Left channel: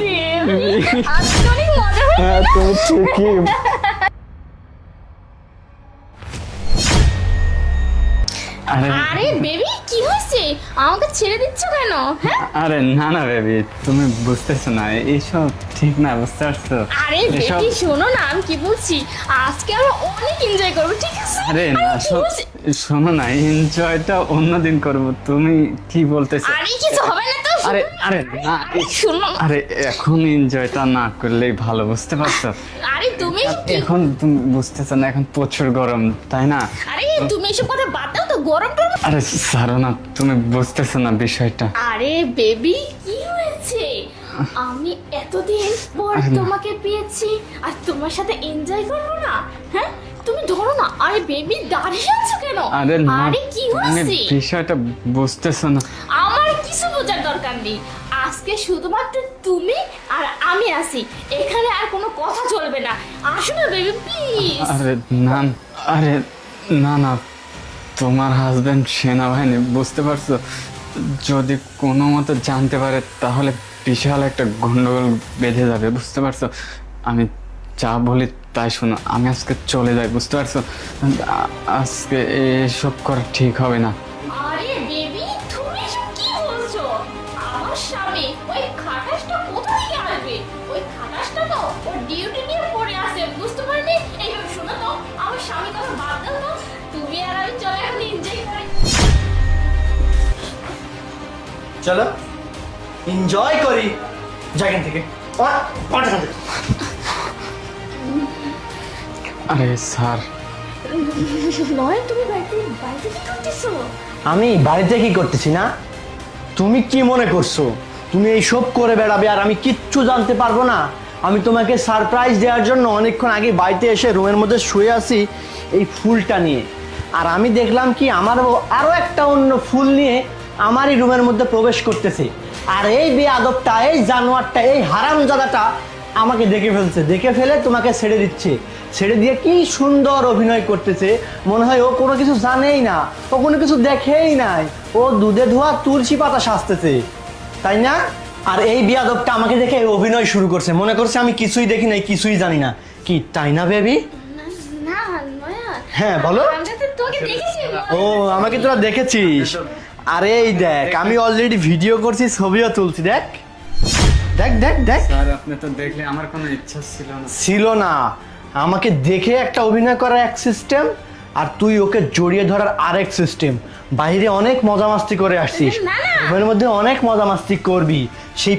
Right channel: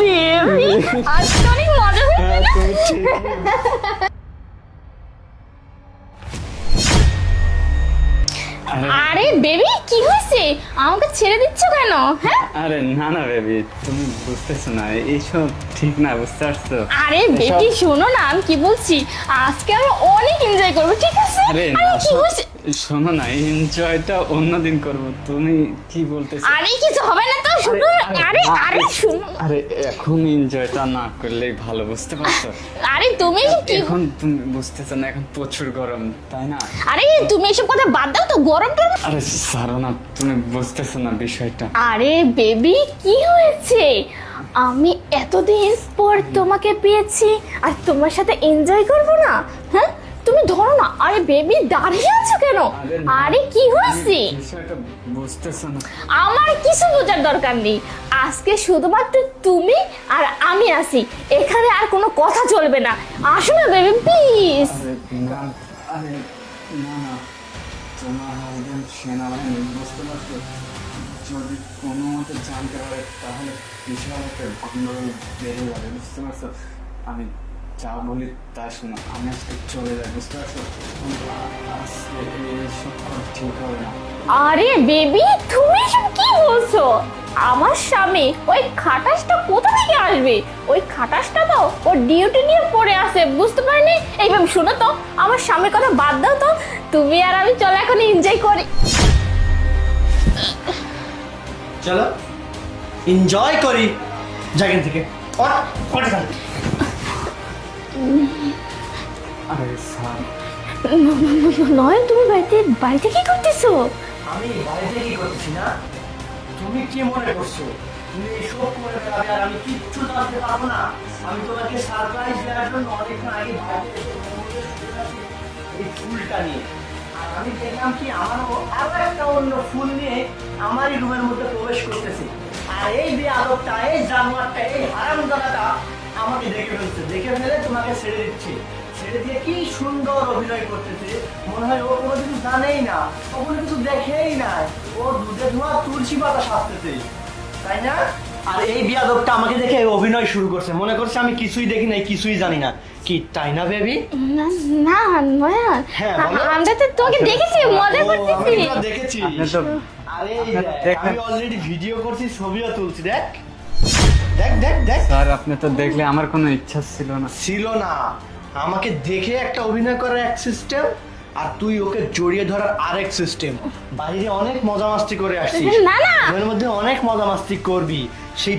Baby আজকে অনেক মজা হয়েছে। হ্যাঁ তুমি ঠিকই। আরে বেবি কি হয়েছে, আমাকে ছেড়ে দিচ্ছ কেন? হ্যাঁ আরে না না বেবি, তুমি বুঝতেছো না, এইসব ঠিক না, বুঝতে পারছো? আরে বেবি শোনো না, আমি কি বলছি, আজকে আমরা অনেক এনজয় করবো, ঠিক আছে? আরে না, কি হয়েছে? শোনো না, এনজয়টা অন্যদিন করবো। তুমি কি বলতেছো? আরে কিছু হবে না তো, শুনো না। আরে আরে শোনো না। আরে এখন এনজয়টা না করলেই ভালো, বুঝতে পারছো? আরে তুমি কি, এখন তুমি বুঝতেছো না, এখন প্রচুর গরম, তাই না? আরে তুমি এসব কথা বাদ দাও তো, গরম করবো। আরে ছাড়ো না, তুমি বুঝতেছো না বিষয়টা। আরে বেবি কি হয়েছে, আমি এতদিন পর তোমাকে পেয়েছি আর তোমার সাথে এনজয় করবো না? হ্যাঁ তুমি ধরো না। আরে বেবি দাঁড়িয়ে আছো কেন? আরে না, আরে কি মানে হয়েছে? বিষয়টা বুঝতেছো না। আমার কিছু বোঝার দরকার নেই, আজকে শুধুমাত্র তুমি আর আমি আছি এখানে, আর কোনো কথা চলবে না। আসো না বেবি প্লিজ। আরে না, আরে না না, তোমার হাজবেন্ড সেনাবাহিনী, বুঝতে পারছো? যদি কোনো মতো জানতে পারে তাহলে বিশাল একটা গন্ডগোল বেঁধে যাবে, বুঝতে পারছো? আমি যা বলি তাই শোনো, আমি আজকে চলে যাই, বুঝতে পারছো? আজকে এসব করা ঠিক হবে না। আরে বেবি তুমি এসব কি বলছো? আমার স্বামী ওই খাটাসটা কোথা থেকে আসবে? ওই খাটাসটা তো ওর ডিউটি নিয়ে পড়ে আছে, বুঝতে পারিনি। এইভাবে শোনো তো, আমার স্বামীর কথা বাদ দাও তো, তুমি আর আমি চলো এখন এনজয় করি। চলো এনজয় করি জায়গা থেকে। আরে স্যার, নয় তুমি বাড়িতে বাড়িতে কি করতেছো? আমি বাড়িতে কি করতেছি না? তুমি কি মনে করছো তুমি এইসব করে বেড়াবে আর আমি কিচ্ছু জানতে পারবো না? আমি তোমাকে সারপ্রাইজ দেওয়ার জন্য অনেকক্ষণ আগে বাড়িতে এসে রুমের মধ্যে শুয়ে আছি এই ফুলটা নিয়ে, আর আমি দেখলাম কি আমার আরো একটা অন্য ফুল নিয়ে আমারই রুমের মধ্যে প্রবেশ করতেছে। আর এই বেয়াদবটা, এই জানোয়ারটা, এই হারামজাদাটা আমাকে দেখে ফেলছে, দেখে ফেলে তোমাকে ছেড়ে দিচ্ছে। ছেড়ে দিয়ে কি সুন্দর অভিনয় করতেছে, মনে হয় ও কোনো কিছু জানেই না, ও কোনো কিছু দেখেই নাই, ও দুধে ধোয়া তুলসী পাতা সাজতেছে, তাই না? আর এই বেয়াদবটা আমাকে দেখে অভিনয় শুরু করছে, মনে করছে আমি কিছুই দেখি নাই, কিছুই জানি না, কি তাই না বেবি? না না নয়া, হ্যাঁ, বলো। আমরা তো তোমাকে দেখেছি মজা ও করতেছি। আমাকে তোরা দেখেছিস? আরে এই দেখ, আমি অলরেডি ভিডিও করছি, ছবিও তুলছি, দেখ দেখ দেখ দেখ। স্যার আপনি তো দেখলে আমার কোনো ইচ্ছা ছিল না। ছিল না, আমাকে দেখে একটা অভিনয় করার এক সিস্টেম, আর তুই ওকে জড়িয়ে ধরার আরেক সিস্টেম। বাইরে অনেক মজা মাস্তি করে আসছিস, না, না। ওর মধ্যে অনেক মজা মাস্তি করবি, সেই